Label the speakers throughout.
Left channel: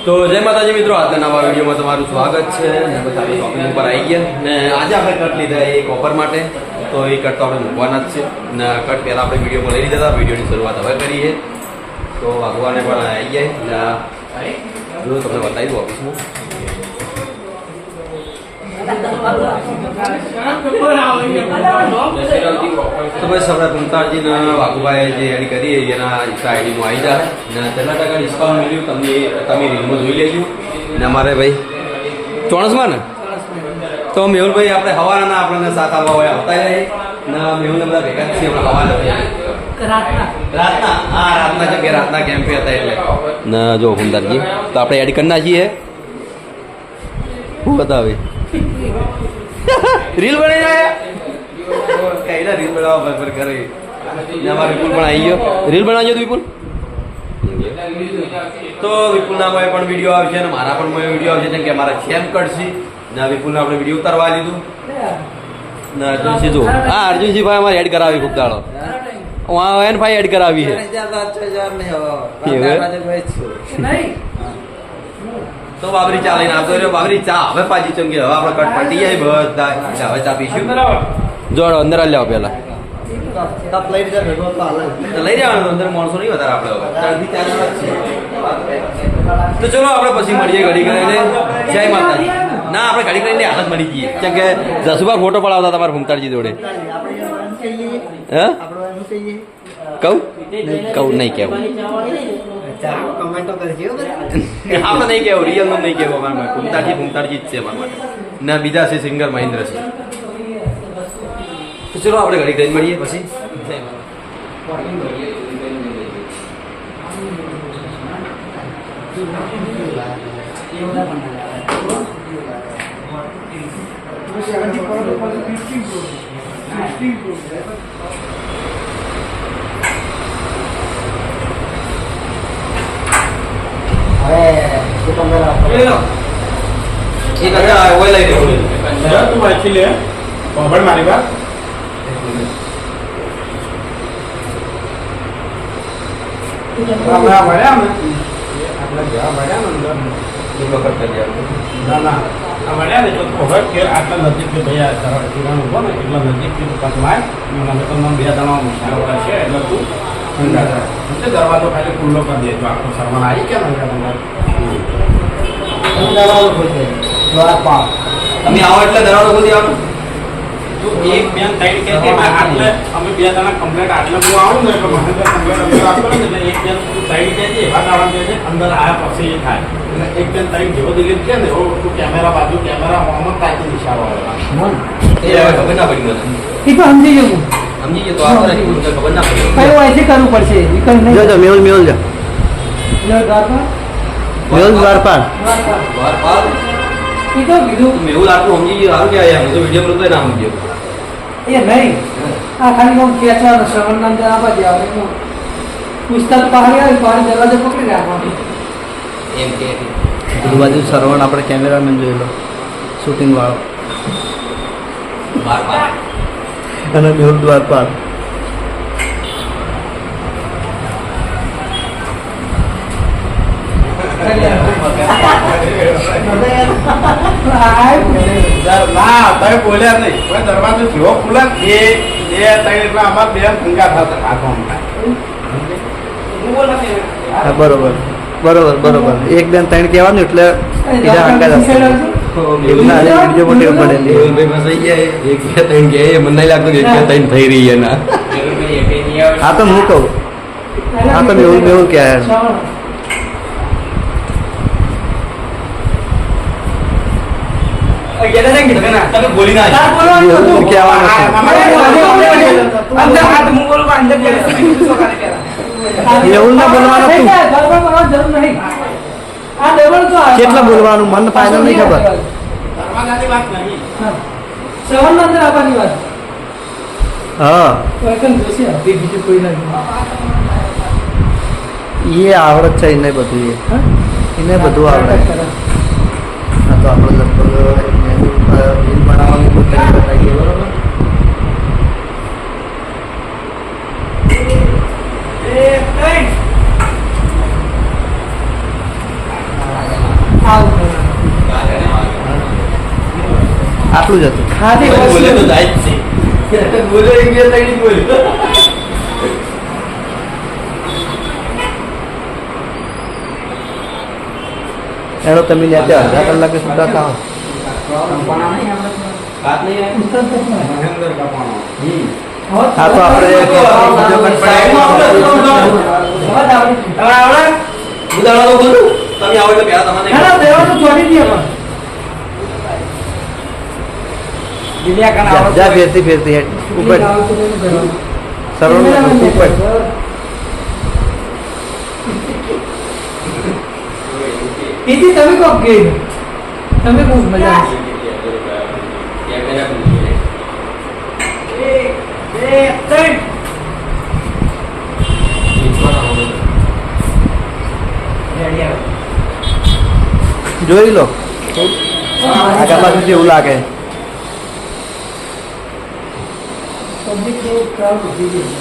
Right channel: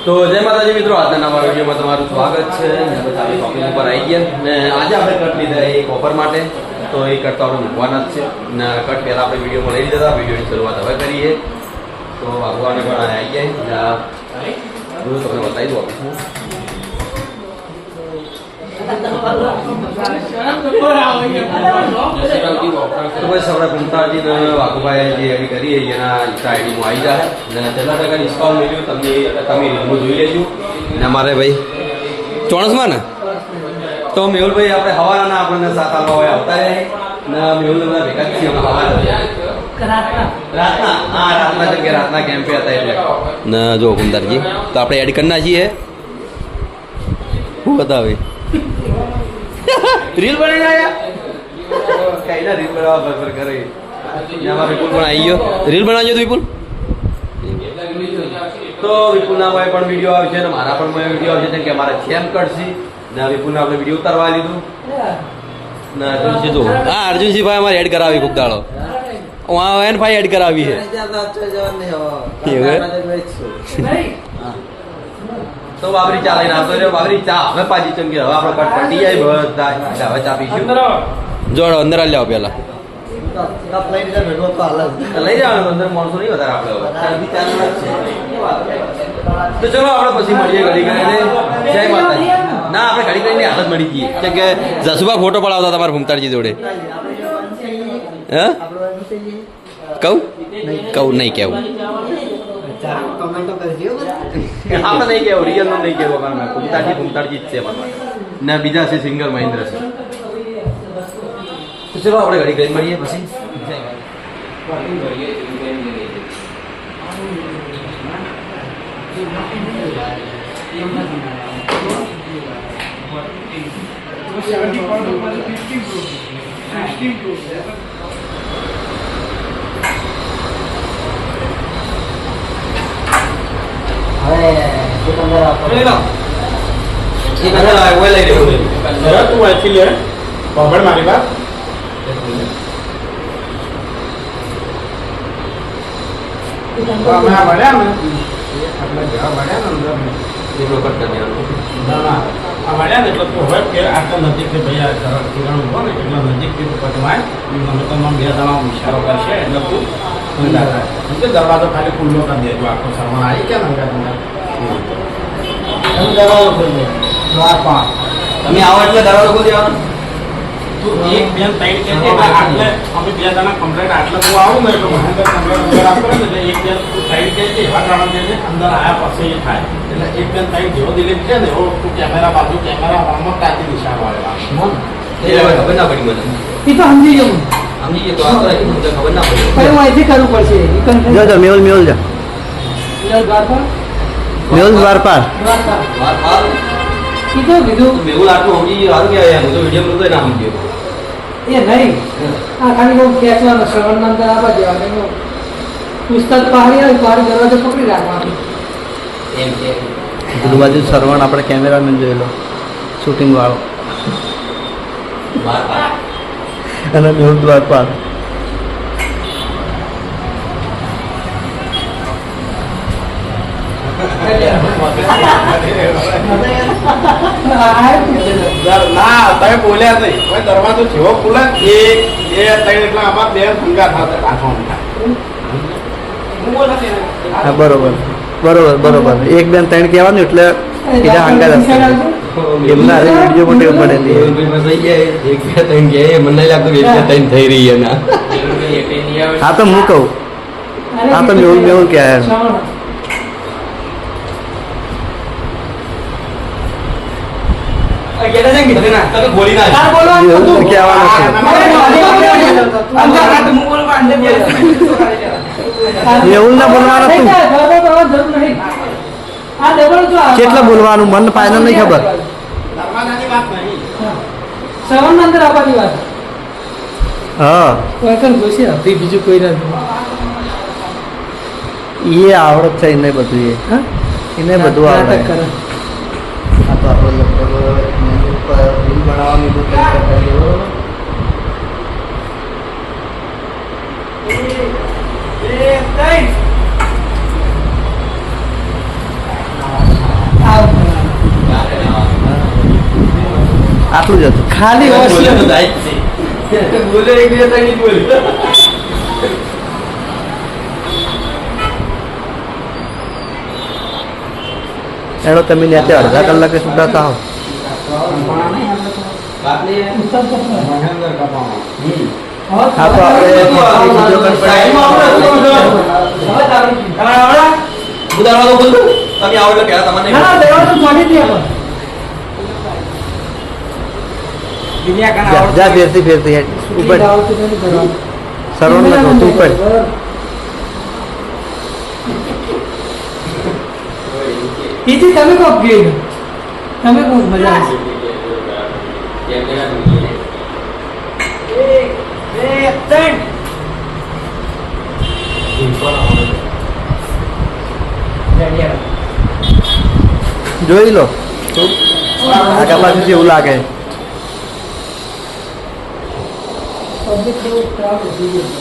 Speaker 1: તો જય માતાજી મિત્રો આજના નવા વિડીયોમાં તમારું સ્વાગત છે ને આપણે શોપિંગ ઉપર આવી ગયા ને આજે આપણે કટ લીધા એક ઓફર માટે તો એ કટ તો આપણે મૂકવાના જ છે ને કટ પહેલાં આપણે વિડીયોમાં લઈ લીધા હતા વિડીયોની શરૂઆત હવે કરીએ તો ભગવાને પણ આવી ગયા જો તમને બતાવી દઉં ઓફિસમાં તો બસ આપણે પુમતાજી ને વાઘુભાઈ જે એડ કરી એના ઇન્સ્ટા આઈડીમાં આવી જાય ને તેના ટકા ડિસ્કાઉન્ટ મળ્યું તમને તમે રીલમાં જોઈ લેજો. ને અમારે ભાઈ ચોણસમાં ને? તો મેહુલભાઈ આપણે હવાના આપણને સાથ આવવા હોય આવતા રહે ને મેહુલ બધા ભેગા જ છીએ રાતના. હા રાતના જગ્યાએ રાતના કેમ્પે હતા એટલે. ના જો હુમદારજી તો આપણે એડ કરી નાખીએ. શું બતાવે રીલ બનાવી રહ્યા રીલ બનાવવા વિપુલ તો વિપુલ તો વિપુલના મોએ પણ વીડિયો આવશે અને મારા પણ મોએ વીડિયો આવશે જેમ કે મારા ખેમ કટસી ના વિપુલને આપણે વીડિયો ઉતારવા લીધું ના અર્જુનસિંહ તો હા અર્જુનસિંહ ભાઈ અમારે એડ કરાવી ખૂબ દાડો वहाँ એન भाई એડ કરાવી છે તો બાબરી ચા લઈને આવતો રહ્યો બાબરી ચા હવે પાછી ચમકી હવે આપણે કટ પડી જાય બધા ચા હવે ચા પીશું જોડો અંદર આલી આવો પેલા તો લઈ જવાનું અંદર માણસો નહીં વધારે આપણે તો ચલો આપણે પછી મળીએ ઘડી કરીને જય માતાજી. ના આપણે ઘડી કરીને હાલત મળી ગઈ કેમ કે જસુભા ફોટો પડાવતા તમારા ભૂમતાળજી જોડે. હે? કહું? કહું નહીં કેવું
Speaker 2: કમેન્ટો કરજો
Speaker 1: આપણે નહીં કેવું રિયલનું નહીં કેવું અમારા ભૂમતાજી કુમતાજી જ છે અમારા માટે. ને બીજા છે સિંગર મહેન્દ્ર છે તો ચલો આપણે ઘડી ગઈ મળીએ પછી. એક અંદર આવે ઓય લઈ રહ્યો
Speaker 3: જરા તું વાંચી લે. સાંભળ મારી વાત. આ ને? આપણે જેવા ભણ્યા ને અંદર ના? ના આ મળ્યા ને ખબર કે આટલા નજીકથી ભાઈ આ સરળ ઊભો ને એટલા નજીકથી તું પતવાય અમે તો બે દાણા ઇશારો કરશે એટલે તું એટલે દરવાજો ખાલી ખુલ્લો કરી દેજો. આખો શર્મા આવી ગયા ને અંદર
Speaker 2: દરવાજો ખોલજો. દ્વારપાળ.
Speaker 1: તમે આવો એટલે દરવાજો ખોલી આવવાનું
Speaker 3: તું એક બેન ટાઈટ કે આટલે અમે બે જણા કમ્પ્લેટ આટલે બહુ આવું ને એટલે મહેન્દ્ર કમ્પ્લેટ અંદર આપો ને એટલે એક બેન તું ટાઈટ કે છે એવા ગાવા કે અંદર આયા પછી એ થાય. એટલે એક બેન ટાઈટ જેવો દિલીપ છે ને એવો તું કેમેરા બાજુ કેમેરા હોમમાં તાકી નિશાળો
Speaker 1: હવે ખબર ના પડી મને.
Speaker 2: એ તો સમજી ગયો
Speaker 1: સમજી ગયો તો ખબર ના પડી.
Speaker 2: કયું કરવું પડશે.
Speaker 4: જો જો મેહુલ મેહુલ જો. મેહુલ દ્વારપાલ.
Speaker 2: દ્વારપાળ.
Speaker 1: દ્વારપાલ?
Speaker 2: કીધું કીધું.
Speaker 1: મેહુલ આટલું સમજી ગયો. સારું કહેવાય હું તો વીડિયો માં ના સમજ્યો
Speaker 2: એ નહીં આ ખાલી બહુ ખેંચવાનું શ્રવણના અંદર આવવા દેવાનું એનું પુસ્તક પહાડી આવે પહાડી દરવાજો પકડી રાખવાનું
Speaker 1: એમ કે.
Speaker 4: પેલું બાજુ સરવણ આપણે કેમેરામેન જોયેલો. શૂટિંગ વાળો. અને મેહુલ દ્વારપાલ
Speaker 2: આ પૂછેલું.
Speaker 3: ના તમે બોલ્યા નહીં. કોઈ દરવાજો જેવો ખુલે બે બે ત્રણ એટલા આમાં બે ભૂંગા રાખવામાં.
Speaker 4: હા બરોબર. બરોબર બરોબર. એક બેન ત્રણ કહેવાનું એટલે બીજા હંગા એમના હારે વીડિયો માટે પડેલી
Speaker 1: ભાઈ ફસાઈ ગયા એક બે ત્રણ ગયા મને નહીં લાગતું કે એક બે ત્રણ થઈ રહી એના.
Speaker 4: હા તો હું કહું. હા તો મેહુલ મેહુલ કહેવાય
Speaker 2: શ્રવણ.
Speaker 1: તમે બોલી ના
Speaker 2: તાર બોલવાનું
Speaker 4: મેહુલ
Speaker 2: હતું.
Speaker 4: કહેવાનું છે
Speaker 2: અંદર હાથ
Speaker 4: મેહુલ ના બોલવાનું
Speaker 2: થઈ
Speaker 4: હતું
Speaker 2: જાય, દરવાજો બોલવાની જરૂર નહીં. ના બોલવાનું આ-
Speaker 4: કેટલા બોલવાનું? મન ફાઈનલ નહીં ખબર.
Speaker 2: અંદર વાત.
Speaker 4: હા.
Speaker 2: કોઈ બીજું નથી
Speaker 4: એ આવડત છે એને બધું એ.
Speaker 2: હા?
Speaker 4: એને બધું આવડે. આ તો આપણે લગભગ તળાવની બોટલી બતાવી દે બરોબર? આટલું જ હતું.
Speaker 2: ખાલી
Speaker 1: બોલે તો દાઈ છે. બોલે એક બે તગડી બોલે.
Speaker 4: એનો તમે ત્યાં અડધા કલાકે સુધાતા હો.
Speaker 3: પણ નહીં આપણે મહેન્દ્ર કપાણો.
Speaker 4: હા તો આપણે
Speaker 1: ઉદાહરણ બોલું? તમે આવો એટલે પહેલા તમને
Speaker 2: ના ના દેવા તો જોડી દે આપણે
Speaker 4: જા જા ફેરતી ફેરતી હેડ. ઉપર. સરવણ ને તું ઉપર
Speaker 2: કીધી તમે મજા આવશે.
Speaker 4: જોઈ લો આગળ પાછું જેવું લાગે
Speaker 2: Public day crowd ઊભી રહી.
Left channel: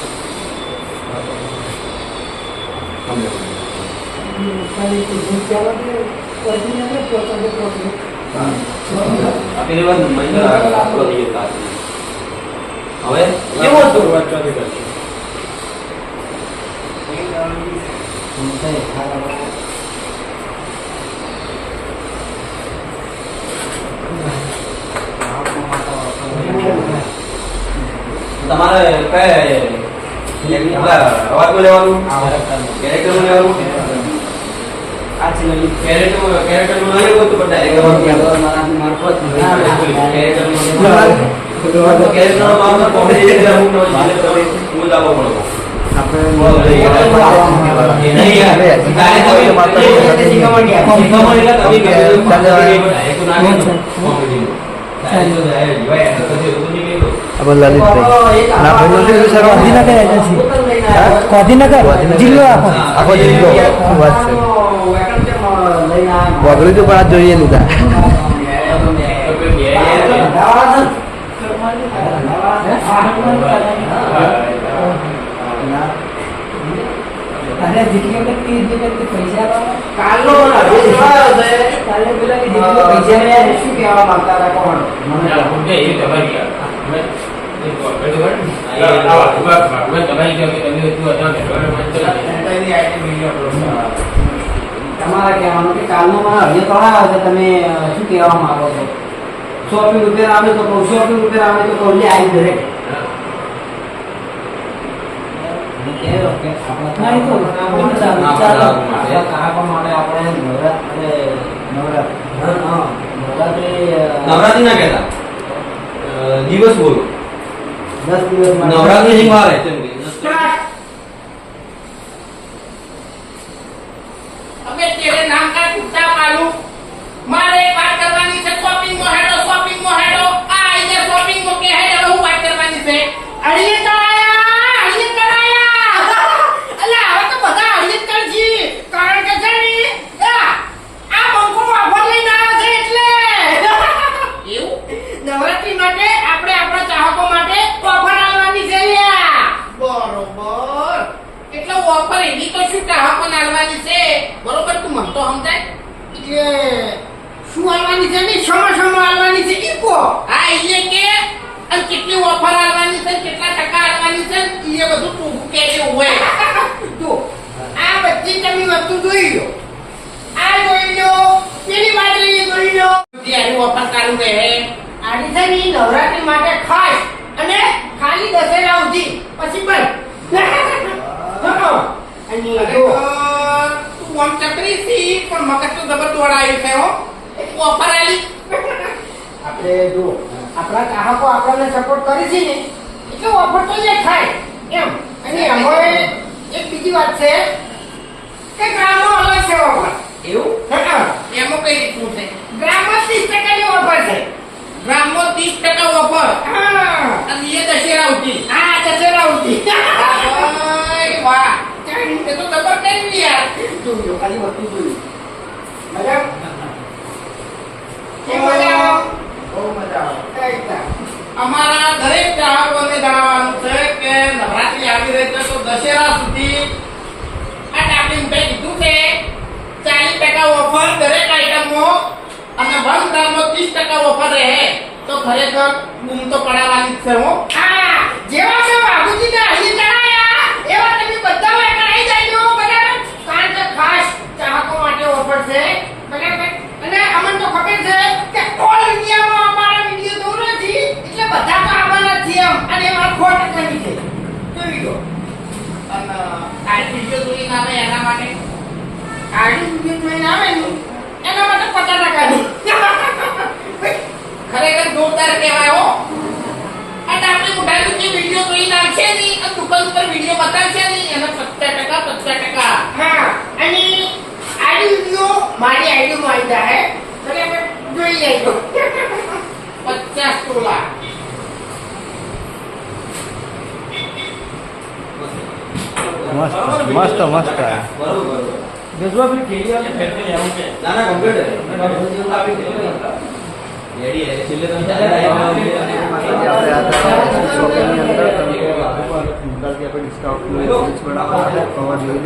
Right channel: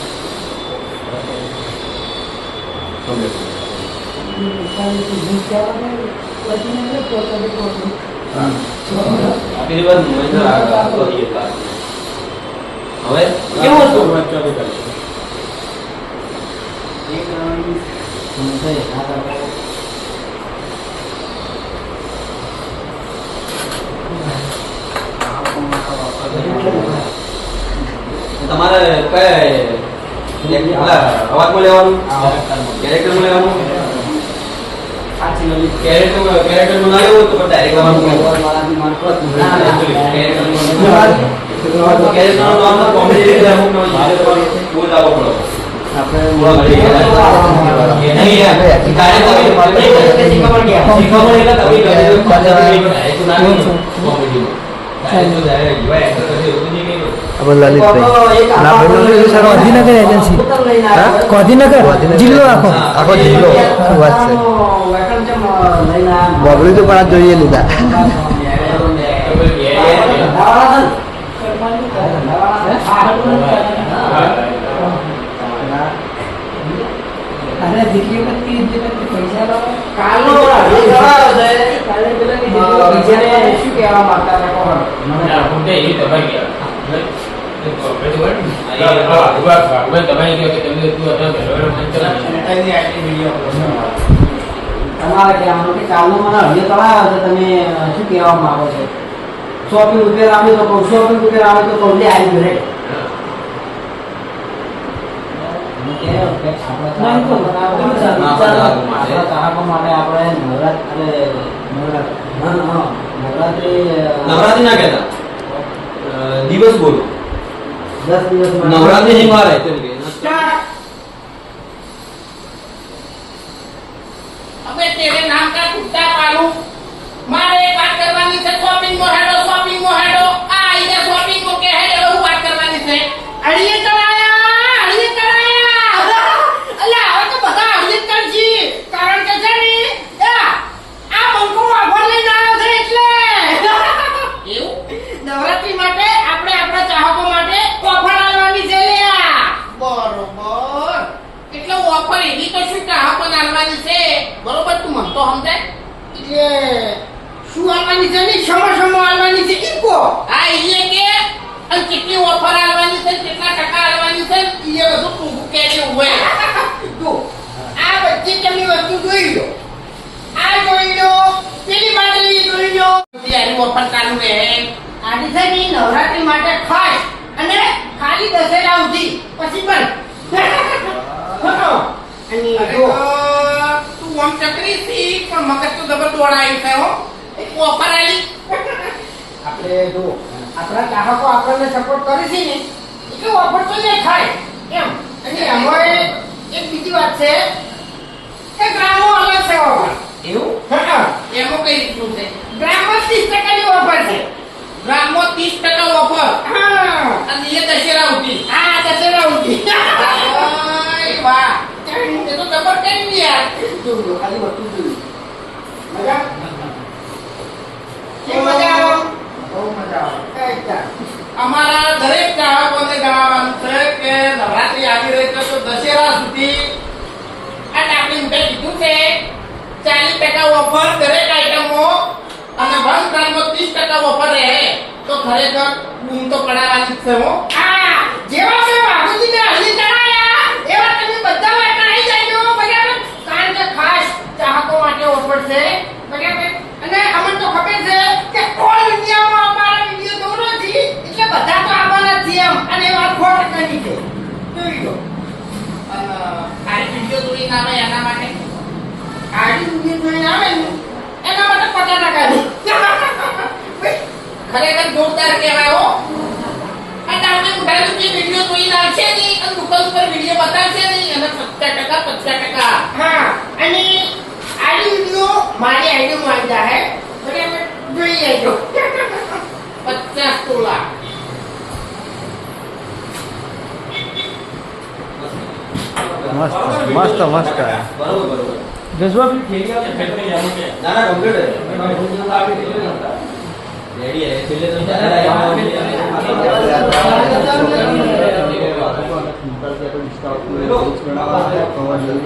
Speaker 2: ખાલી ઊભી ક્યાં લાગે? પહોંચીને
Speaker 1: મહિના. હવે
Speaker 2: કેવો હતો?
Speaker 1: તમારે કયા એક પેલા અવાજમાં લેવાનું
Speaker 4: લલિતભાઈ ના ભાઈ
Speaker 2: ગાંધીનગર એજન્સી ગાંધીનગર. જિલ્લો આખો
Speaker 4: આખો જિલ્લો શું વાત છે? બોગડી તો પણ આ જોઈએ લીધા.
Speaker 2: અરે જેટલી વખત કે વખત પૈસા.
Speaker 1: કાલનો.
Speaker 2: કાલે પેલા શું કહેવા માંગતા હતા કોણ? તમારે કહેવાનું કે કાલનો મને અઢી તળાવ છે તમે શું કહેવા માંગો છો? શોપિંગ રૂપિયા આવે તો કહું શોપિંગ રૂપિયા આવે તો કહું આવી ઘરે. હું કહેલો કે આપણા ગ્રાહકો માટે આપણા ગ્રાહકો માટે આપણે નવરાત અને નવરાત. હા હા નવરાત્રી
Speaker 1: ના કહેતા? દિવસ બોલો.
Speaker 2: દસ દિવસ
Speaker 1: નવરાત્રી શીખવાડે કેમ કે
Speaker 5: અબે તેરે નામ કા ટૂટા પાડું મારે એક વાત કરવાની છે શોપિંગ મો હેડો શોપિંગ મો હેડો આ આઈને શોપિંગ મો કે હેડો હું વાત કરવાની છે અડીએ કરાયા અડીએ કરાયા અલ્યા હવે તો બધા અડીએ જ કરજી કારણ કે છે ને આ આ બંકો વાગોળ લઈને આવ્યો છે એટલે એવું નવરાત્રી માટે આપણે આપણા ચાહકો માટે ઓફર આવવાની છે લ્યા બરોબર એટલે ઓફર એની તો શું ચાહકો આવવાની છે બરોબર તું મન તો સમજાય એટલે શું આવવાની છે ને સમા સમા આવવાની છે? ઈ કો. હા કે અને કેટલી ઓફર આવવાની છે કેટલા ટકા આવવાની છે એ બધું તું કે છે હોય. તું આ બધી તમે વસ્તુ જોઈ લો. આ જોઈ લો પેલી બાજરી જોઈ લો. ત્યારે ઓફર ચાલુ રહે. આની છે ને નવરાત્રી માટે ખાસ અને ખાલી દશેરા સુધી. પછી બંધ. અને જો તું આમ ચકરી સી પણ મગજ તો જબર દોડાયું છે હો. ઓફર આલી આપણે જો આપણા ચાહકો આપણને સપોર્ટ કરે છે ને એટલે ઓફર તો એ થાય એમ. અને અમારે એક બીજી વાત છે કે ગ્રામનો અલગ છે ઓફર એવું? હા એમાં કઈ રીતનું છે? ગ્રામમાં ત્રીસ ટકાની ઓફર છે. ગ્રામમાં ત્રીસ ટકા ઓફર હા. અને એ દશેરા ઉઠી. હા દશેરા ઉઠી. વાહ. એ તે જબર કરી યાર. જોયું ખાલી વસ્તુ જોયું મજા? કે મજા બહુ મજા આવે. અમારા દરેક ચાહકોને જણાવવાનું છે કે નવરાત્રી આવી રહી છે તો દશેરા સુધી આ ટાપલી કીધું છે ચાલીસ ટકા ઓફર દરેક આઈટમો અને વન ગ્રામમાં ત્રીસ ટકા ઓફર રહે તો ખરેખર બૂમ તો પડાવવાની જ છે હું. આ જેવા છે બાબુજીને અહીં જણાયા એવા તમે બધા હવે જાય કારણ કે ખાસ ચાહકો માટે ઓફર છે. બરાબર અને અમને તો ખબર છે કે ઓલ ઇન્ડિયામાં અમારા વીડિયો દોરો છે એટલે બધા તો આવવાના છે એમ. અને એમાં સો ટકાની છે. જોઈ લો. અને આ વીડિયો જોઈને આવે એના માટે? આડી વીડિયો જોઈને આવે ને એના માટે પચાસ ટકાની ખરેખર જોરદાર કહેવાય હો. અને આપણે મોબાઈલ ઉપર વીડિયો જોઈ નાખશે નહીં અને દુકાન ઉપર વીડિયો બતાવશે નહીં એના પચાસ ટકા પચાસ ટકા હા અને આડી વીડિયો મારી આઈડીમાં આવી જાય બરાબર જોઈ લેજો પચાસ તોલા
Speaker 4: મસ્ત મસ્ત મસ્ત
Speaker 1: ના ના કમ્પ્લીટ રેડી હે છેલ્લે તો
Speaker 4: આપણે આ શોપિંગની અંદર આપણે ડિસ્કાઉન્ટનું રીલ્સ બનાવવાના છે તો જોઈ મસ્ત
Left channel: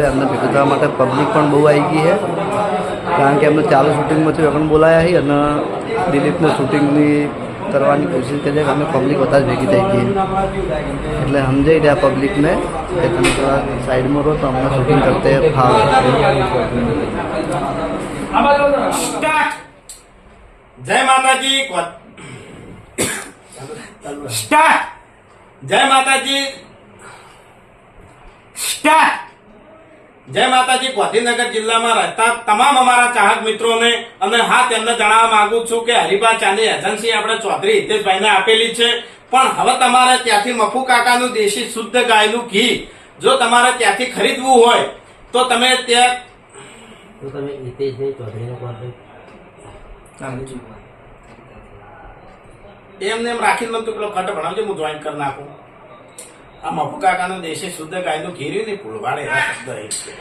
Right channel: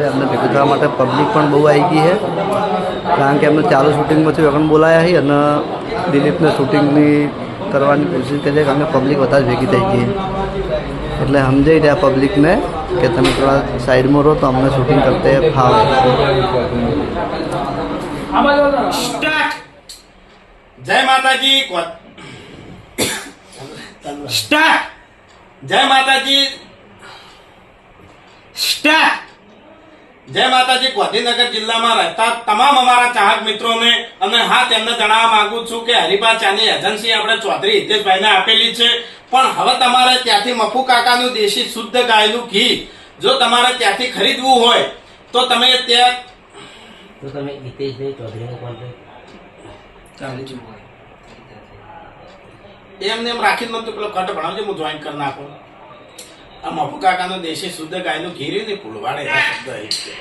Speaker 4: અમને ભેગું માટે પબ્લિક પણ બહુ આવી ગઈ છે. કારણ કે એમને ચાલુ શૂટિંગમાંથી વગણ બોલાયા છે અને દિલીપને શૂટિંગની કરવાની કોશિશ કરી છે કે અમને પબ્લિક વધારે ભેગી થઈ ગઈ છે. એટલે સમજાઈ રહ્યા પબ્લિકને કે તમે થોડા સાઈડમાં રહો તો અમને શૂટિંગ કરતે ફાવે
Speaker 3: સ્ટાર્ટ જય માતાજી કો- સ્ટાર્ટ જય માતાજી સ્ટાર્ટ જય માતાજી ગાંધીનગર જિલ્લામાં રહેતા તમામ અમારા ચાહક મિત્રોને અને હા તેમને જણાવવા માંગુ છું કે હરિભા ચાની એજન્સી આપણે ચૌધરી હિતેશભાઈને આપેલી છે. પણ હવે તમારે ત્યાંથી મફુ કાકાનું દેશી શુદ્ધ ગાયનું ઘી જો તમારે ત્યાંથી ખરીદવું હોય તો તમે ત્યાં
Speaker 2: તો તમે હિતેશભાઈ ચૌધરીને કોલ
Speaker 3: એમને એમ રાખીને મને તું પેલો કટ ભણાવજો હું જોઈન કરી નાખું. આ મફુ દેશે શુદ્ધ ગાયનું ઘેર્યું ને ફૂલવાડે એવા શબ્દ એ છે.